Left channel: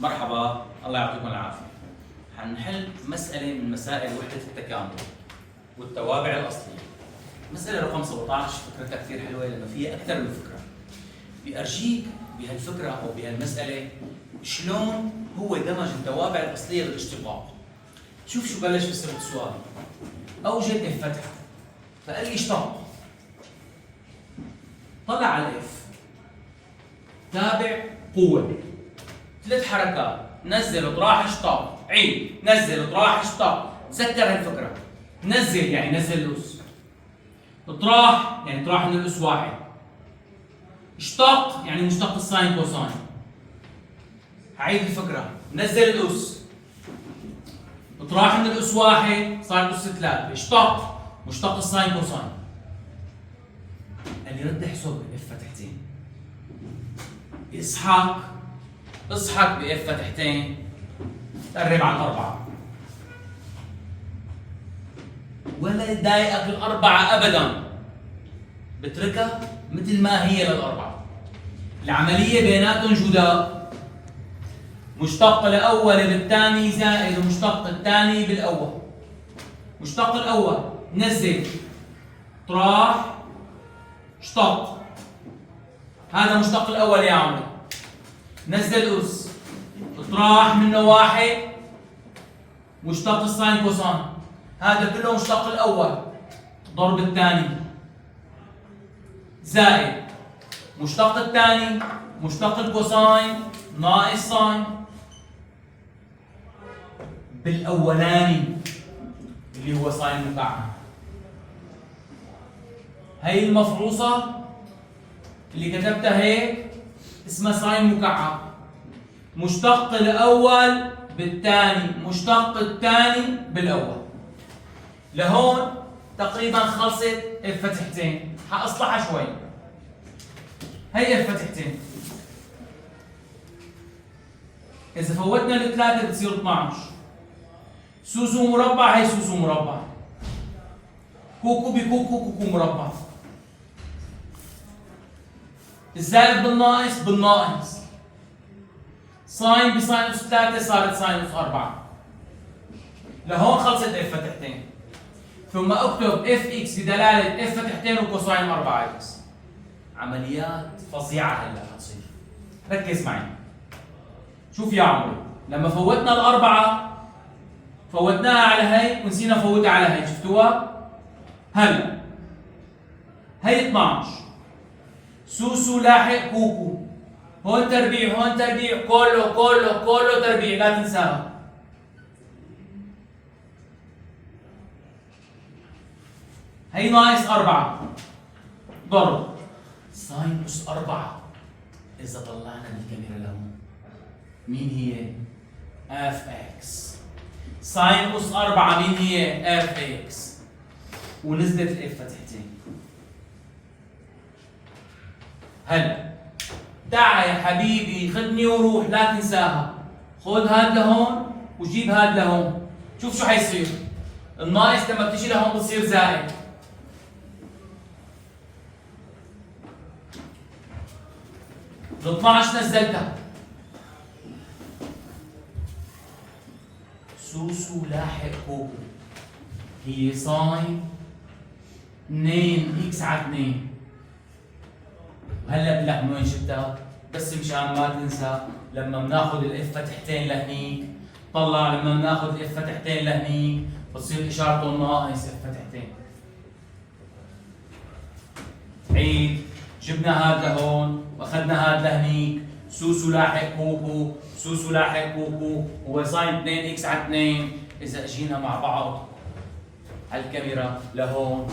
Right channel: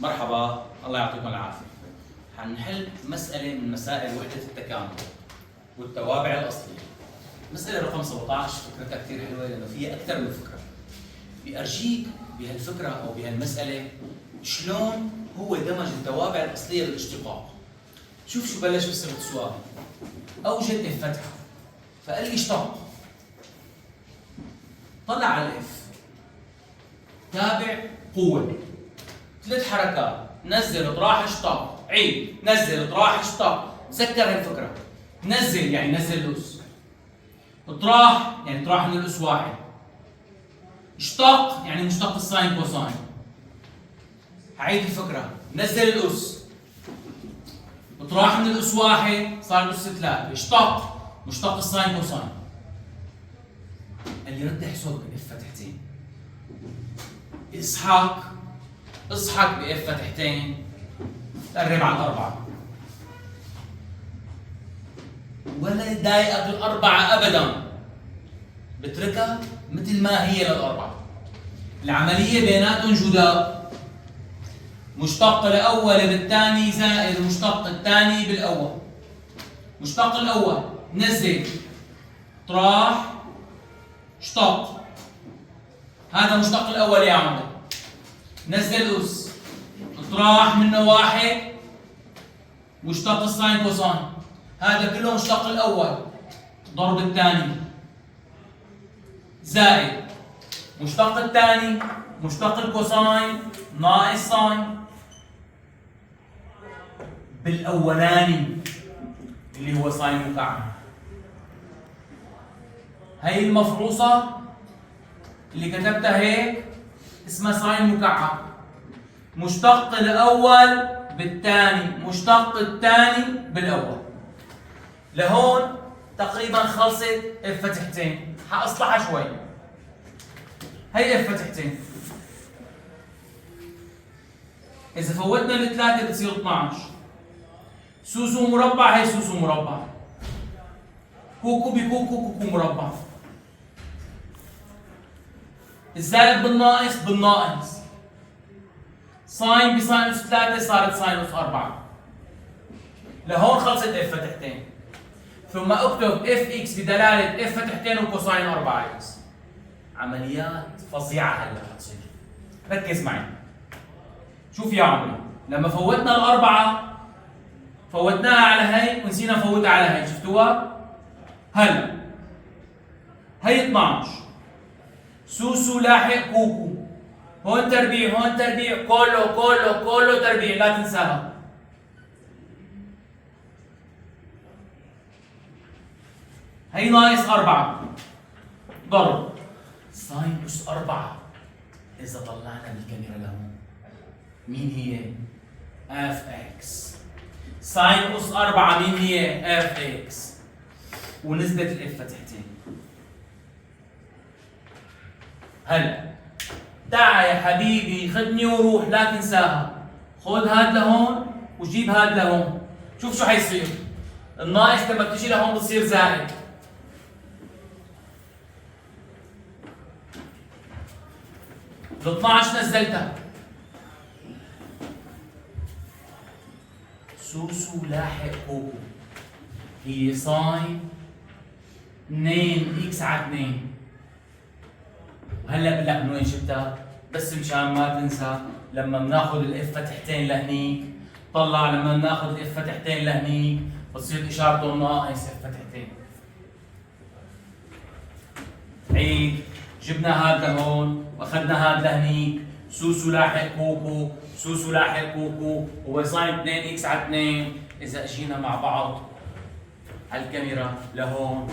مرحبا، الله يعطيكم العافية. حنحل مسألة من مسائل وحدة التكامل والتوابع الأصلية. مسألة رقم 17 فكرتها كثير حلوة لأنه فيها أكثر من فكرة. بأرجيك بهالفكرة أو بهالمسألة شلون هو دمج التوابع الأصلية بالاشتقاق. شوف شو بلش بصيغة السؤال. أوجد الفتحة، فقال لي اشتق. طلع على الاف، تابع قوة، 3 حركات، نزل اطراح اشتق، عيد، نزل اطراح اشتق. تذكر هالفكرة. نزل يعني نزل الأس، اطراح يعني اطراح من الأس واحد، اشتق يعني مشتق الساين كوساين. هعيد الفكرة. نزل الأس، اطراح من الأس واحد صار الأس 3، اشتق مشتق الساين كوساين. اللي رد احسب باف فتحتين. اصحك باف فتحتين، قرب على الأربعة. ولا يضايقك الأربعة أبدا، بتركها مثل ما هي للأربعة. العملية بيناتهم جداء. مشتق الأول بالثاني زائد مشتق الثاني بالأول. مشتق الأول نزل طراح اشتق، هذا مشتق الأول يا عمر. نزل أس، اطراح منه واحد مشتق الساين كوساين، هذا كله مشتق الأول ضرب الثاني زائد مشتق الثاني مشتق الكوساين ناقص ساين بالأولاني اللي هو ساين مكعب. هي المفروصة اللي كتبتها هيك اسمها ساين مكعب. مشتق الأول بالثاني مشتق الثاني بالأول. لهون تقريبا خلصت اف فتحتين. حاصلحها شوي. هي اف فتحتين. إذا فوتنا الثلاثة بتصير 12. سوسو مربع هي سوسو مربع. كوكو بكوكو كوكو مربع. الزائد بالناقص بالناقص. ساين بساينوس 3 صارت ساينوس 4. لهون خلصت اف فتحتين. ثم اكتب اف اكس بدلاله اف فتحتين وكوساين 4 اكس. عمليات فظيعه هلا حتصير. ركز معي. شوف يا عمري، لما فوتنا الأربعة فوتناها على هي ونسينا نفوتها على هي، شفتوها؟ هلا هي 12 سوسو لاحق كوكو، هون تربيع هون تربيع، كله تربيع، لا تنساها. هي ناقص 4 ضرب ساين أس 4. إذا طلعنا الكاميرا لهون مين هي؟ اف اكس. ساين أس 4 مين هي؟ اف اكس. ونزلت الاف فتحتين. هلا تعا يا حبيبي خدني وروح، لا تنساها. خذ هاد لهون وجيب هاد لهون. شوف شو حيصير. الناقص لما بتجي لهون بتصير زائد. ال 12 نزلتها. سوسو لاحق كوكو هي ساين 2 اكس على 2. وهلا بقول لك من وين جبتها؟ بس مشان ما تنسى لما بناخذ الاف فتحتين لهنيك، طلع لما بناخذ الاف فتحتين لهنيك بتصير اشارته ناقص اف فتحتين. عيد، جبنا هاد لهون واخذنا هاد لهنيك. سوسو لاحق كوكو، سوسو لاحق كوكو هو ساين 2 اكس على 2. اذا اجينا مع بعض على الكاميرا لهون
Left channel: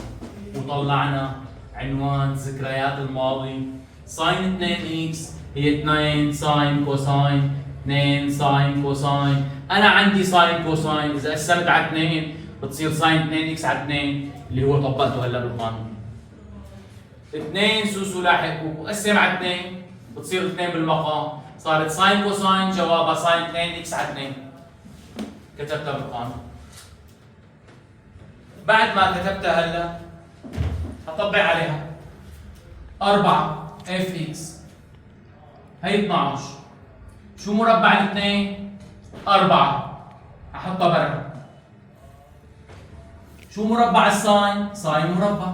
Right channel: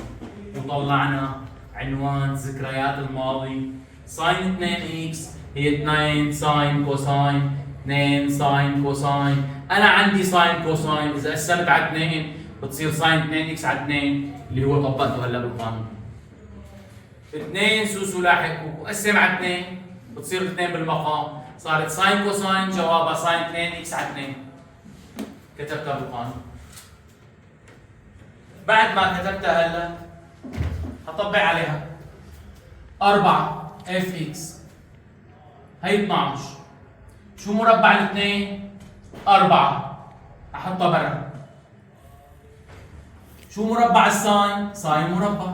وطلعنا عنوان ذكريات الماضي، ساين 2 اكس هي 2 ساين كوساين 2 ساين كوساين. انا عندي ساين كوساين، اذا قسمت على 2 بتصير ساين 2 اكس على 2 اللي هو طبقته هلا بالقانون. 2 سوسو لاحق كوكو قسم على 2 بتصير 2 بالمقام، صارت ساين كوساين جوابها ساين 2 اكس على 2. كتبتها بالقانون. بعد ما كتبتها هلا هطبق عليها 4 اف اكس هي 12 شو مربع الاثنين؟ 4 احطها برا. شو مربع الساين؟ ساين مربع،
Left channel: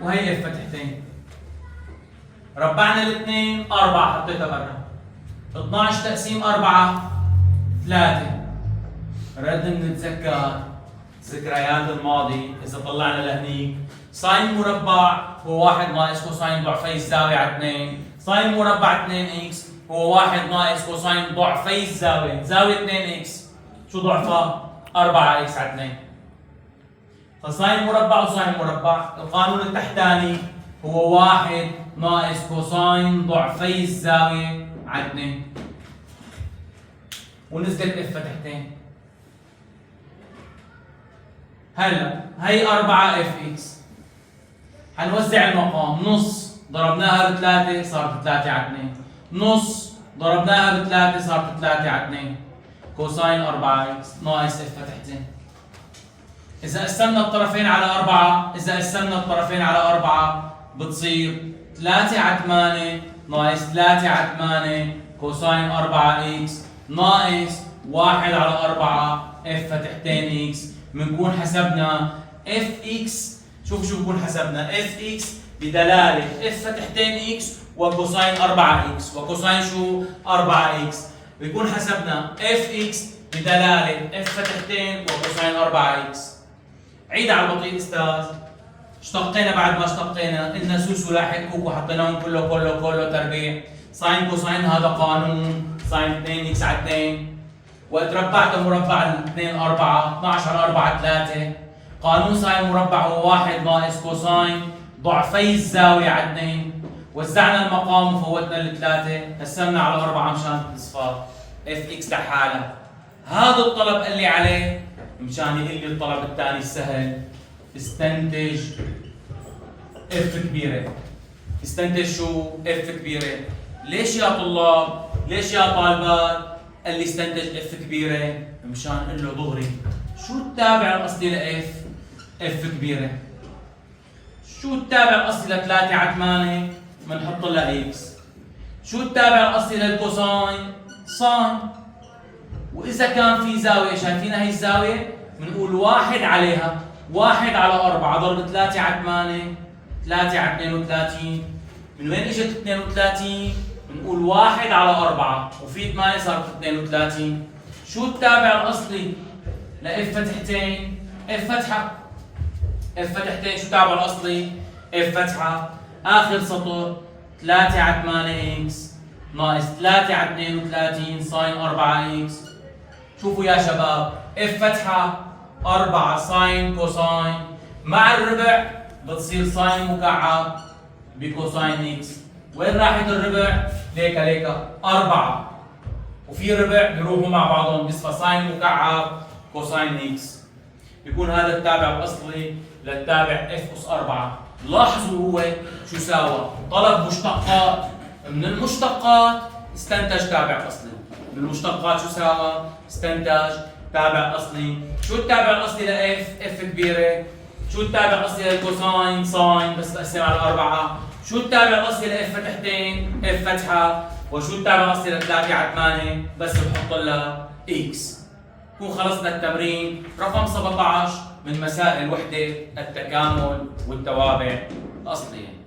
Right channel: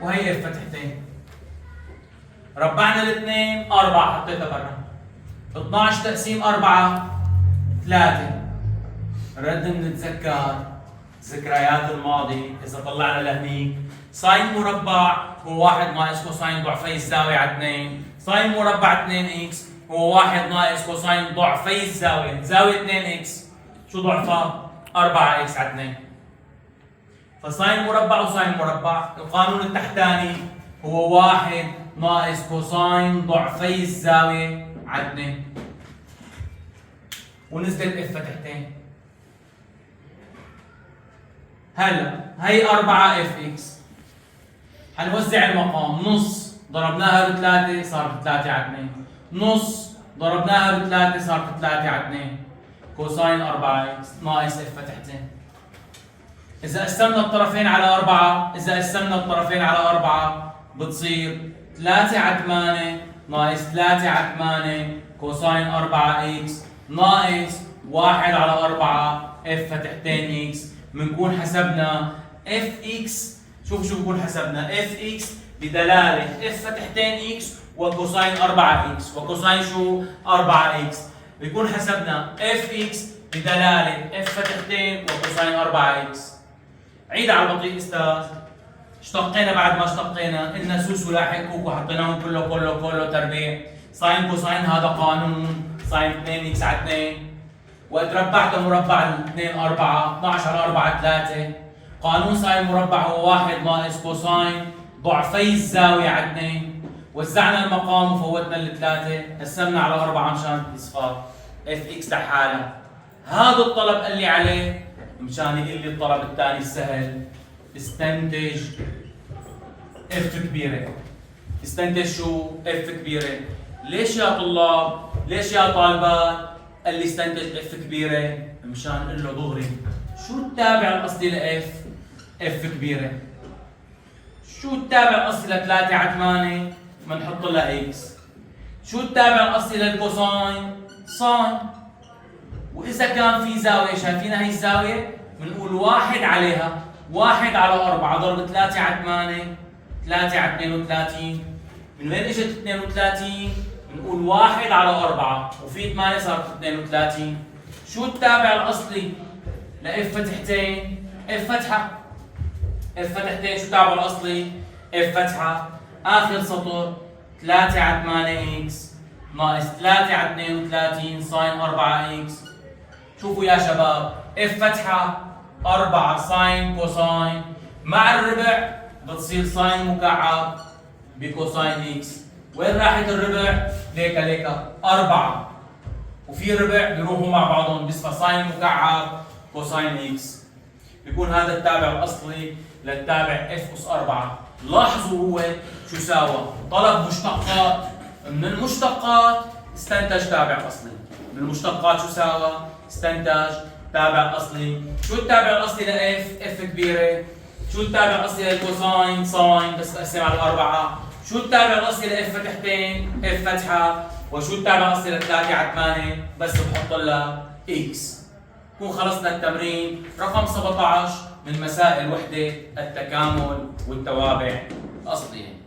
وهي اف فتحتين. ربعنا الاثنين 4 حطيتها برا. 12 تقسيم 4 3. رد نتذكر ذكريات الماضي. اذا طلعنا لهنيك ساين مربع هو 1 ناقص كوساين ضعفي الزاويه على 2. ساين مربع 2 اكس هو 1 ناقص كوساين ضعفي الزاويه. زاويه 2 اكس شو ضعفها؟ 4 اكس على 2. فساين مربع وساين مربع، القانون التحتاني هو 1 ناقص كوساين ضعفي الزاويه على 2. ونزلت اف فتحتين. هلا هي 4 اف اكس، حنوزع المقام. نص ضربناها ب3 صارت 3 على 2، نص ضربناها ب3 صارت 3 على 2. كوساين 4 اكس ناقص اف فتحتين. إذا قسمنا الطرفين على 4 بتصير 3 على 8 ناقص 3 على 8 كوساين 4 اكس ناقص 1 على 4 اف فتحتين اكس. بنكون حسبنا اف اكس. شوف بنكون حسبنا اف اكس بدلاله اف فتحتين اكس وكوساين 4 اكس. وكوساين شو؟ 4 اكس. بيكون حسبنا اف اكس بدلاله اف فتحتين وكوساين 4 اكس. عيد على البطيء استاذ. اشتقينا بعد ما اشتقينا قلنا سوس ولاحق كوكو حطيناهم كله تربيع. ساين كوساين هذا قانون ساين 2 اكس على 2. وقت ربعته مربع الاثنين 4 12 على 4 3. قانون ساين مربع هو 1 ناقص كوساين ضعفي الزاويه على 2. وزعنا المقام وفوتنا الثلاثه، قسمنا على 4 مشان الاصفار. اف اكس لحالها. هذا الطلب قال لي عليه مشان يقول لي الطلب الثاني السهل. استنتج اف كبيره. استنتج شو؟ اف كبيره. ليش يا طلاب؟ ليش يا طالبات؟ قال لي استنتج اف كبيره مشان اقول له دغري شو التابع الاصلي لاف؟ اف كبيره. شو التابع الاصلي ل 3 على 8؟ بنحط لها اكس. شو التابع الاصلي للكوساين؟ ساين. واذا كان في زاويه، شايفينها هي الزاويه؟ بنقول 1 عليها. 1 على 4 ضرب 3 على 8 3 على 32. من وين اجت 32؟ بنقول 1 على 4 وفي 8 صارت 32. شو التابع الاصلي لاف فتحتين؟ اف فتحه. اف فتحتين شو التابع الاصلي؟ اف فتحه. اخر سطر 3 على 8 اكس ناقص 3 على 32 ساين 4 اكس. شوفوا يا شباب، اف فتحه 4 ساين كوساين مع الربع بتصير ساين مكعب بكوساين اكس. وين راحت الربع؟ ليك 4 وفي ربع بيروحوا مع بعضهم بيصفى ساين مكعب كوساين اكس. بيكون هذا التابع الاصلي للتابع اف اس 4. لاحظوا هو شو ساوى؟ طلب مشتقات. من المشتقات استنتج تابع اصلي. من المشتقات شو ساوى؟ استنتج تابع اصلي. شو التابع الاصلي لاف؟ اف كبيره. شو التابع الاصلي للكوساين؟ ساين بس تقسم على 4. شو التابع الاصلي لاف فتحتين؟ اف فتحه. وشو التابع الاصلي ل 3 على 8؟ بس بحط لها اكس. نكون خلصنا التمرين رقم 17 من مسائل وحده التكامل والتوابع الاصليه.